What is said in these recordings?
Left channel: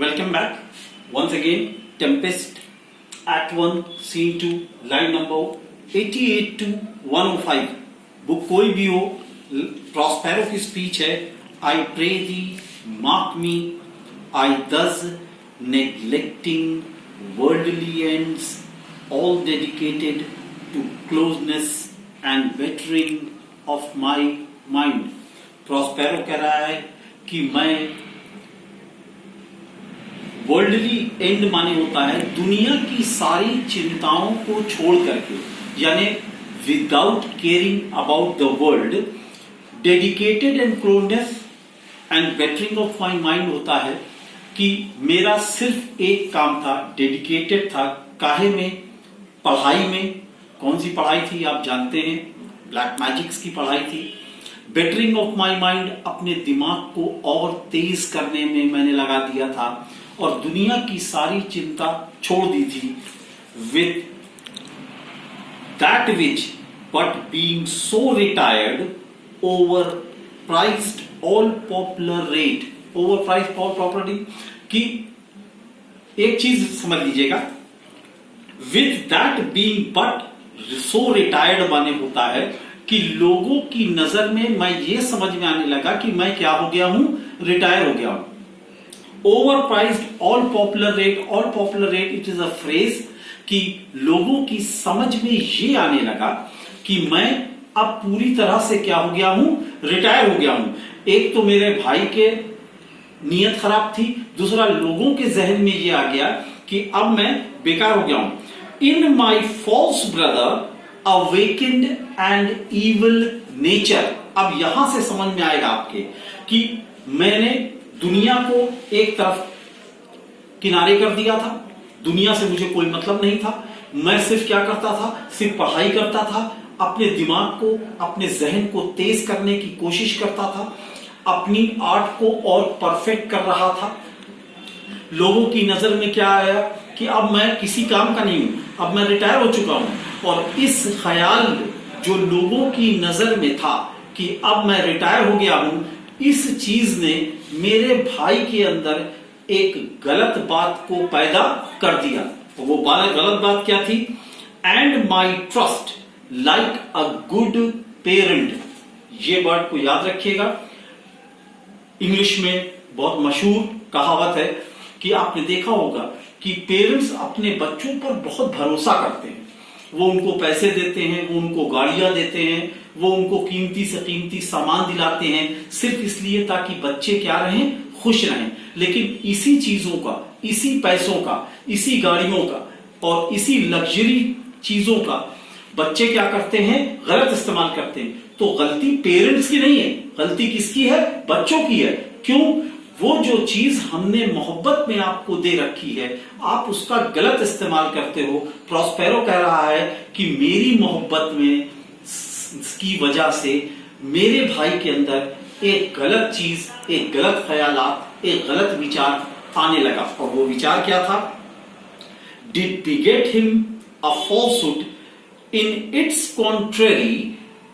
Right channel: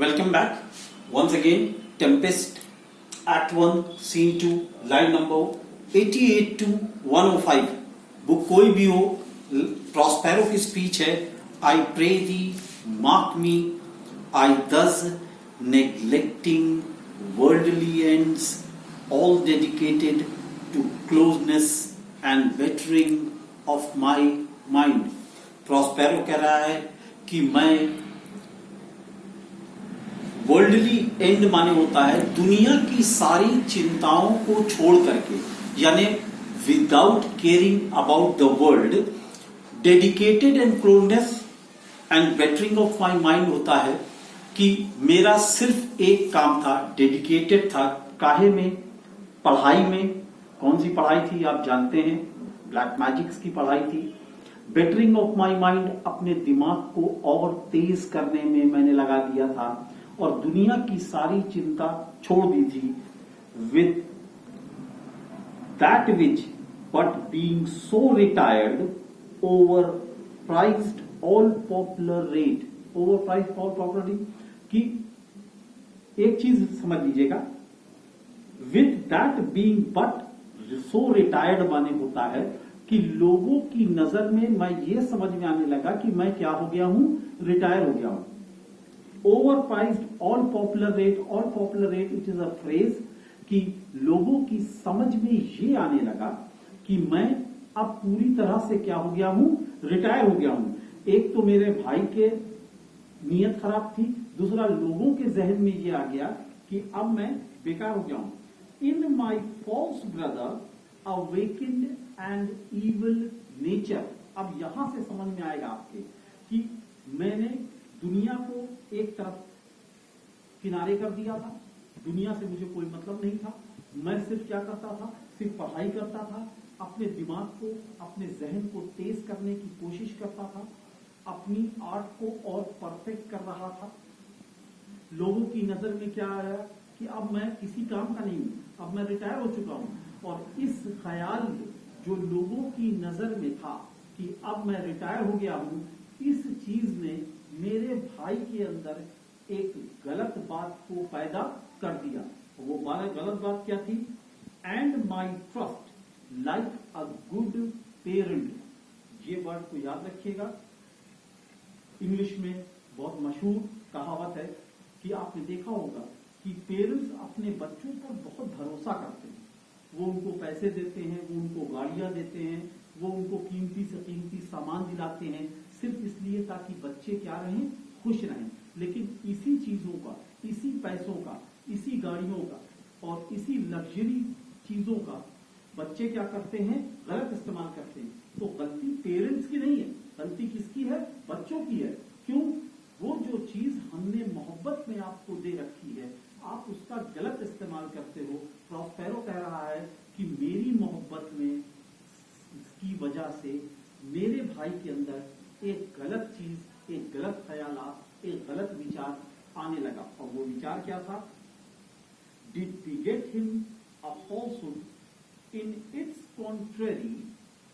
Welcome back. Once again, Tempest, Act 1, Scene 2, line number 88 to 105. Book कोई भी हो, Prospero की स्पीच है. I pray thee mark me, I thus neglecting worldly ends, all dedicated to closeness and bettering of my mind. Prospero कह रहा है कि मैं वर्ल्डली एंड माने होता है दुनिया की सारी चिंताओं को छोड़ करके, यानी without caring about the world, dedicated and closeness and bettering of my mind होता है कि मेरा सिर्फ एक काम था, डेडिकेटेड था. काहे में? पढ़ाई में. कौन सी पढ़ाई थी आप जानते हैं, ब्लैक मैजिक्स की पढ़ाई थी. बेटरिंग ऑफ माई माइंड, अपने दिमाग को और तेज करने में मैंने लगा दिया था और दुनिया की सारी चिंता छोड़ दी थी. With that which but being so retired, over prized all popular rate, over prized all popular, कि एक चीज समझ लीजिएगा, with that being but so retired माने होता है कि लोगों की नजर में मैं ये समझ में आने लगा कि मैं क्या हो गया हूं, रिटायर हो गया हूं. Over prized all popular rate, all popular rate it is a phrase कि लोगों की समझ में ये आने लगा कि मैं अब पूरी तरह से क्या हो गया हूं, रिटायर हो गया हूं. एक तो मेरे भाई के नीयत खराब थी, दूसरा लोगों के जहन में ये आ गया कि अब मैं बेकार हो गया हूं. In my false brother awakened and evil nature. अब यहां से समझ में आएगा आपके कि मैंने दुनिया को एक तरफ किनारे कर दिया था, दुनिया से मुझे कोई मतलब नहीं था. मैं सिर्फ क्या करता था, सिर्फ पढ़ाई करता था, अपने दिमाग को, अपने जहन को तेज करने की कोशिश करता था, अपनी आर्ट को और परफेक्ट कर रहा था. लोगों की नजर में क्या आया कि अब मैं किसी काम का नहीं हूं, अब मैं रिटायर हो चुका हूं. और इस ख्याल जो लोगों की नजर में था कि अब मैं रिटायर हो गया हूं, इस चीज ने मेरे भाई के अंदर एक गलत बात को पैदा कर दिया. वो गलत बात क्या थी? And my trust like a good parent. ये वर्ड को याद रखिएगा. इंग्लिश में बहुत मशहूर कहावत है कि आपने देखा होगा कि पेरेंट्स अपने बच्चों पर बहुत भरोसा करते हैं. वो उनको पैसे देते हैं, वो उनको गाड़ियां देते हैं, वो उनको कीमती से कीमती सामान दिलाते हैं, सिर्फ इसलिए ताकि बच्चे क्या रहें, खुश रहें. लेकिन इसी चीजों का, इसी पैसों का, इसी गाड़ियों का और इसी लग्जरी चीजों का बच्चे क्या करते हैं, गलत इस्तेमाल करते हैं. तो गलती पेरेंट्स की नहीं है, गलती किसकी है? बच्चों की है. क्यों? वो जो चीज हमने मोहब्बत में आपको दे रखी है, आप उसका गलत इस्तेमाल करते हो. प्रॉस्पेरो कह रहा है कि मेरी मोहब्बत में की वजह से मेरे भाई के अंदर एक गलत चीज, एक गलत ख्यालात, एक गलत विचार आने लगा. और वो विचार क्या था? Did beget him a falsehood in its contrary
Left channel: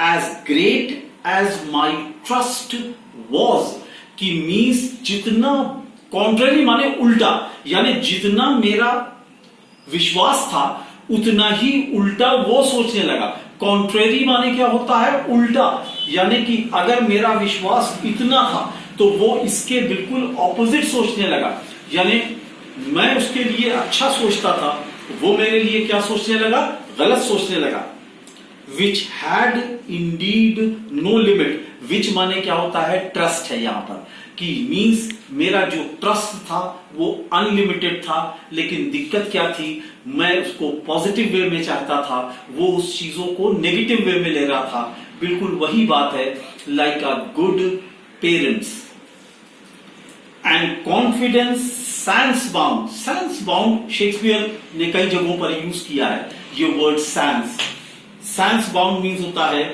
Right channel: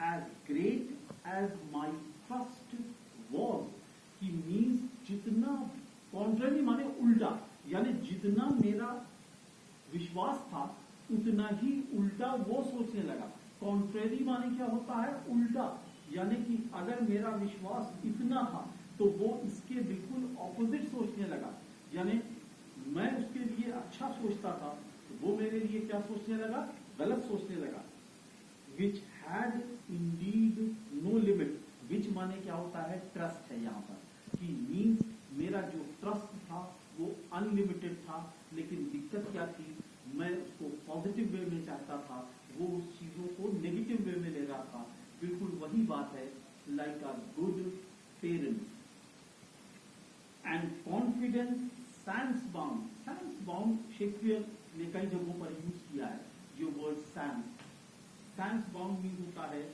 as great as my trust was. कि मीन्स जितना कॉन्ट्रेरी माने उल्टा, यानी जितना मेरा विश्वास था उतना ही उल्टा वो सोचने लगा. कॉन्ट्रेरी माने क्या होता है? उल्टा. यानी कि अगर मेरा विश्वास इतना था तो वो इसके बिल्कुल ऑपोजिट सोचने लगा. यानी मैं उसके लिए अच्छा सोचता था, वो मेरे लिए क्या सोचने लगा? गलत सोचने लगा. Which had indeed no limit. Which माने क्या होता है? ट्रस्ट है यहां पर, कि मींस मेरा जो ट्रस्ट था वो अनलिमिटेड था. लेकिन दिक्कत क्या थी? मैं उसको पॉजिटिव वे में चाहता था, वो उस चीजों को नेगेटिव वे में ले रहा था. बिल्कुल वही बात है, like a good parents. And confidence sans bound. Sans bound Shakespeare ने कई जगहों पर यूज किया है ये word sans. Sans bound means होता है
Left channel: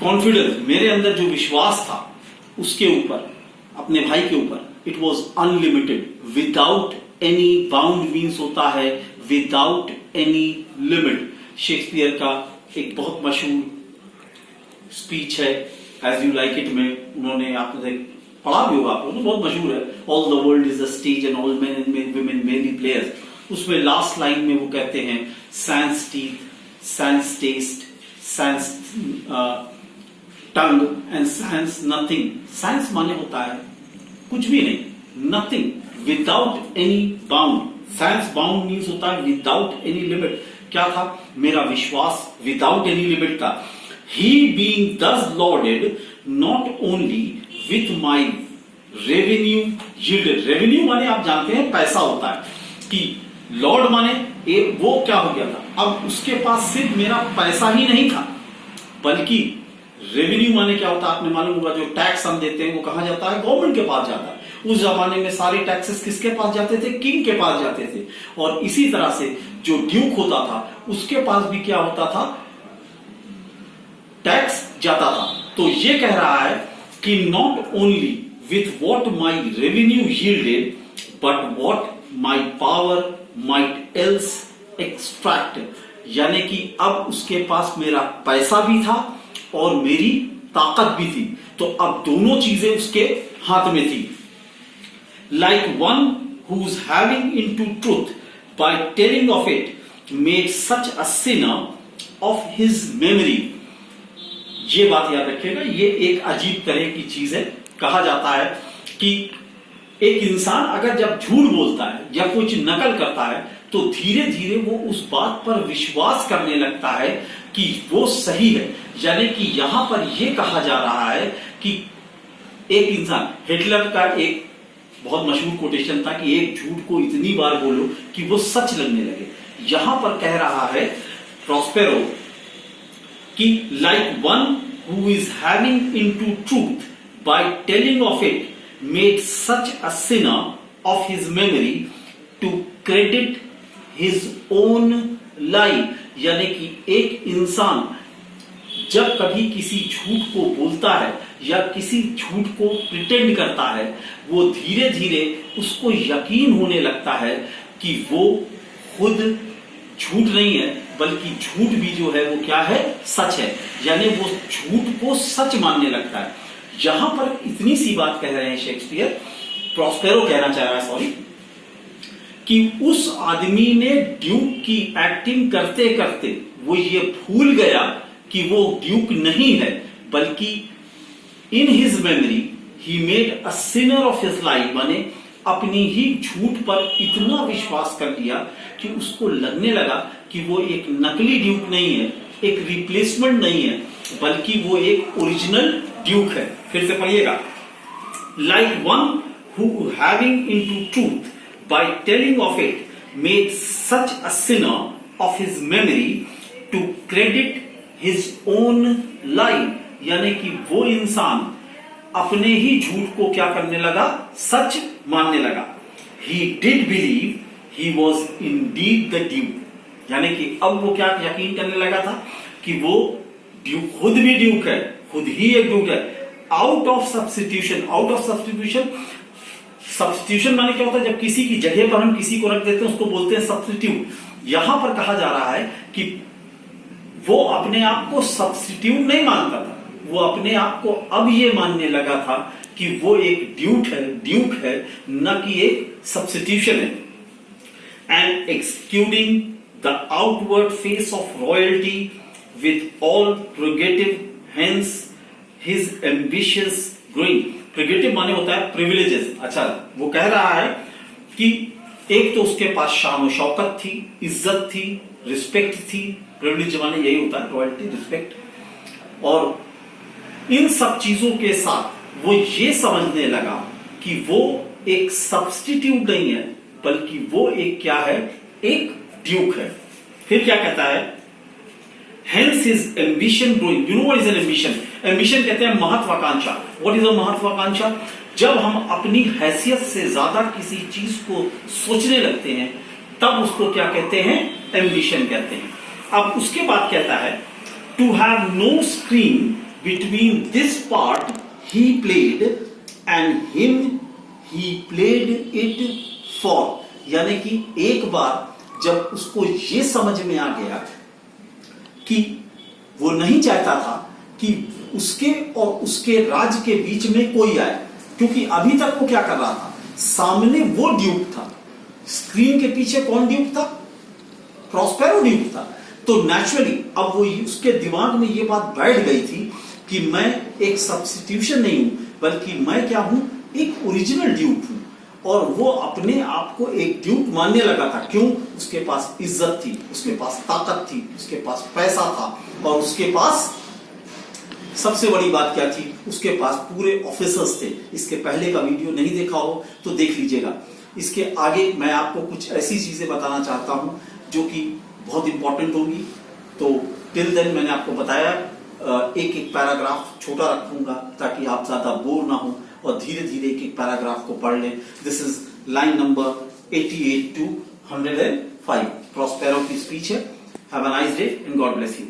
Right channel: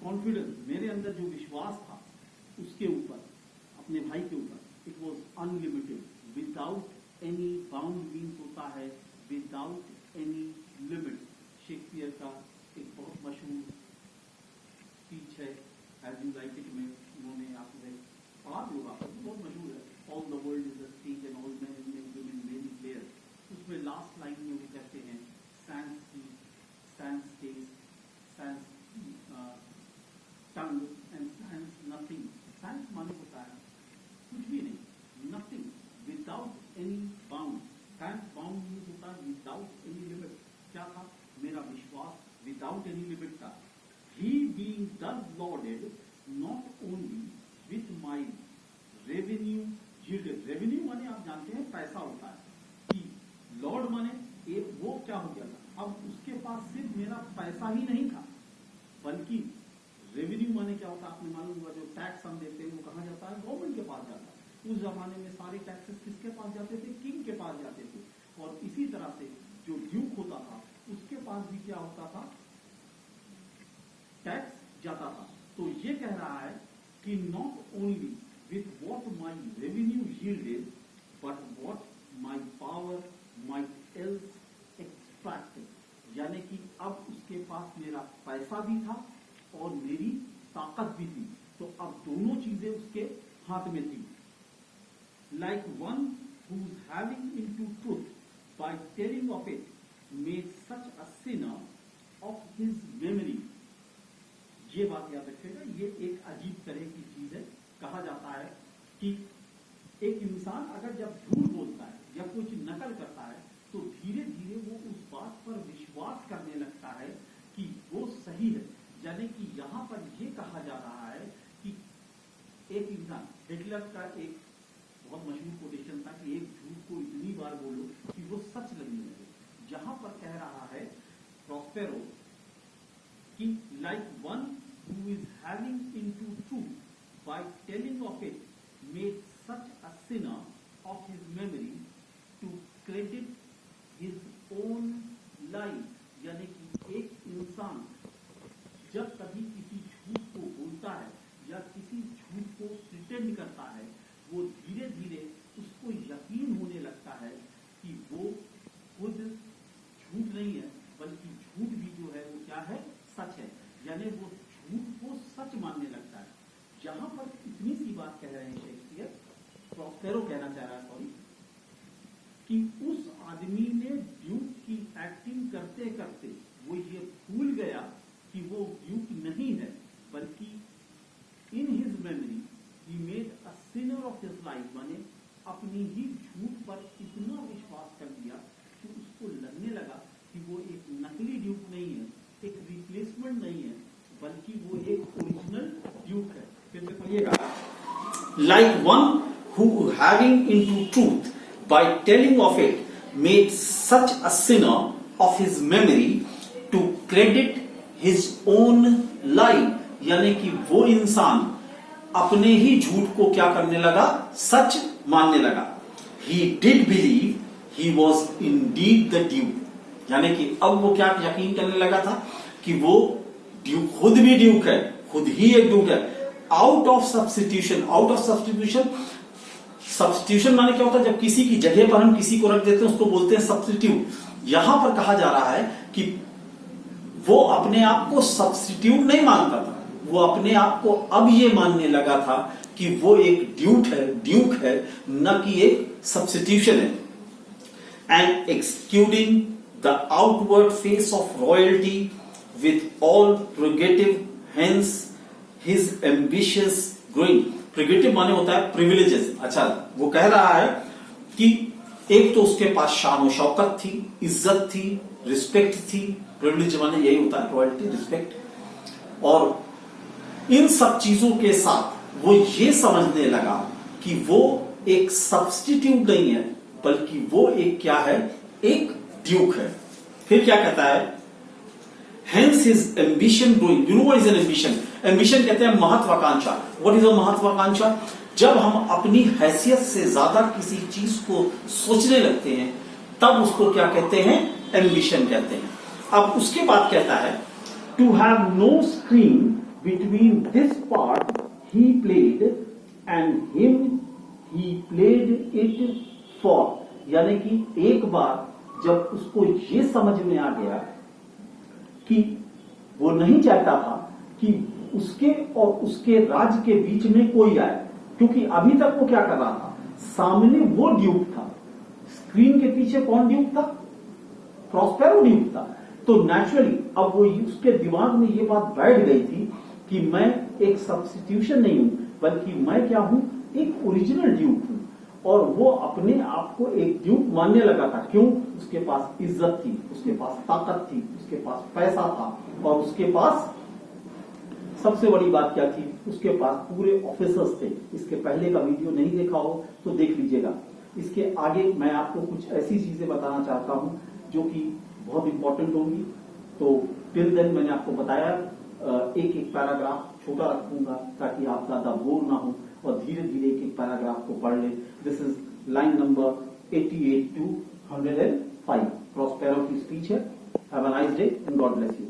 कॉन्फिडेंस. मेरे अंदर जो विश्वास था उसके ऊपर, अपने भाई के ऊपर, it was unlimited. Without any bound means होता है विदाउट एनी लिमिट. शेक्सपियर का एक बहुत मशहूर स्पीच है एज यू लाइक इट में उन्होंने, आपने पढ़ा भी होगा आपको, तो बहुत मशहूर है, all the world is a stage and all men and women merely players. उसमें लास्ट लाइन में वो कहते हैं sans teeth, sans taste, sans tongue and sans nothing. Sans माने होता है कुछ भी नहीं, nothing, without any bound. Sans bound means होता है विदाउट एनी लिमिट। क्या था? मेरा विश्वास विदाउट एनी लिमिट था। He being thus lauded not only with my revenue yielded, revenue माने आप जानते हैं पैसा होता है, कि लॉर्ड माने वो क्या हो गया था, अब उसके पास सिर्फ मेरा पैसा ही नहीं था, बल्कि रेवेन्यू माने क्या होता है आपने मालूम होगा, जो टैक्स हम देते हैं वो कहां जाता है? गवर्नमेंट के पास जाता है। उस जमाने में सारे टैक्सेस किसके पास जाते थे? किंग के पास जाते थे। और इसी तरह से जो ड्यूक होता था उसके पास भी क्या होता था? टैक्स जाता था। तो ये कह रहा है कि not only with what my revenue yielded but what my power might else extract, यानी कि अब उसके पास मेरा पैसा भी था और मेरी ताकत भी थी, तो अब दोनों चीजें उसके हाथ में थी। Like one who is having into truth by telling of it made such a sinner of his memory. ये बात याद रखिएगा, ये एक अजीब तरह की चीज है। कहा जाता है कि एक इंसान अगर जब झूठ बोलता है या कुछ नकल करता है तो धीरे धीरे वो उस बात पर विश्वास करने लगता है कि वो सही है। यानी कि यहां पर यह कहा जा रहा है कि एक इंसान, हिटलर का एक बहुत मशहूर कोटेशन था कि एक झूठ को इतनी बार बोलो कि वो सच लगने लगे। यहां पर कह रहा है प्रॉस्पेरो कि like one who is having into truth by telling of it made such a sinner of his memory to credit his own life. यानी कि एक इंसान जब कभी किसी झूठ को बोलता है या किसी झूठ को प्रिटेंड करता है, वो धीरे धीरे उसको यकीन होने लगता है कि वो खुद झूठ नहीं है, बल्कि झूठ भी जो है वो क्या है? सच है। यानी वो झूठ को सच मानने लगता है। यहां पर इतनी सी बात कह रहे हैं शेक्सपियर, प्रॉस्पेरो कहना चाह रहा है, सॉरी, कि उस आदमी ने ड्यूक की एक्टिंग करते करते वो ये भूल गया कि वो ड्यूक नहीं है, बल्कि in his memory he made a sinner of his life. माने अपनी ही झूठ पर इतना विश्वास कर लिया कि उसको लगने लगा कि वो एक नकली ड्यूक नहीं है, एक रिप्लेसमेंट नहीं है, बल्कि वो एक ओरिजिनल ड्यूक है। फिर से पढ़िएगा, like one who having into truth by telling of it made such a sinner of his memory to credit his own life। यानी कि वो इंसान अपने ही झूठ को क्या करने लगा? सच मानने लगा। He did believe he was indeed the duke। यानी कि अब वो क्या यकीन करने लगा था कि वो ड्यूक, खुद भी ड्यूक है, खुद ही एक ड्यूक है। Out of substitution, out of substitution, substitution माने क्या होता है? जब किसी की जगह पर हम किसी को रख देते हैं उसको बोलते हैं सब्स्टिट्यूट। यहां पर कहा जा रहा है कि वो अपने आप को सब्स्टिट्यूट नहीं मानता था, वो अपने आप को अब ये मानने लगा था कि वो एक ड्यूक है, न कि एक सब्स्टिट्यूशन है। And excluding the outward face of royalty with all prerogative, hence his ambitious growing. Prerogative माने होता है प्रिविलेजेस। अच्छा, वो कह रहा है कि एक तो उसके पास शान और शौकत थी, इज्जत थी, रिस्पेक्ट थी। प्रिविलेज माने यही होता है, रॉयल्टी, रिस्पेक्ट। और इन सब चीजों के साथ वो ये समझने लगा कि वो एक सब्स्टिट्यूट नहीं है, बल्कि वो एक क्या है? एक ड्यूक है। फिर क्या कहता है? Hence his ambition growing. You know what is an ambition? Ambition कहते हैं महत्वाकांक्षा। What is a महत्वाकांक्षा? जब हम अपनी हैसियत से ज्यादा किसी चीज को सोचने लगते हैं तब उसको क्या कहते हैं? एम्बिशन कहते हैं। अब उसके बाद कहता है to have no screen between this part he played and him he played it for। यानी कि एक बार जब उसको ये समझ में आ गया कि वो नहीं चाहता था कि उसके और उसके राज्य के बीच में कोई आए, क्योंकि अभी तक वो क्या कर रहा था, सामने वो ड्यूक था, स्क्रीन के पीछे कौन ड्यूक था, प्रॉस्पेरो ड्यूक था। तो नेचुरली अब वो उसके दिमाग में ये बात बैठ गई थी कि मैं एक सब्स्टिट्यूशन नहीं हूं, बल्कि मैं क्या हूं, एक ओरिजिनल ड्यूक हूं। और वो अपने आप को एक ड्यूक मानने लगा था। क्यों? उसके पास इज्जत थी, उसके पास ताकत थी, उसके पास पैसा था, और उसके पास सबसे बड़ी बात क्या थी, उसके पास पूरे ऑफिसर्स थे। इसके पहले का वीडियो नहीं देखा हो तो देख लीजिएगा। इसके आगे मैं आपको कुछ ऐसी चीजें बताना चाहता हूं जो कि बहुत इंपॉर्टेंट होगी। तो टिल देन मैंने आपको बताया एक एक पैराग्राफ छोटा रखूंगा ताकि आप ज्यादा बोर ना हो, और धीरे धीरे एक एक पैराग्राफ को पढ़ लें। This is line number 88 to 105, Prospero की स्पीच है। Have a nice day and God bless you.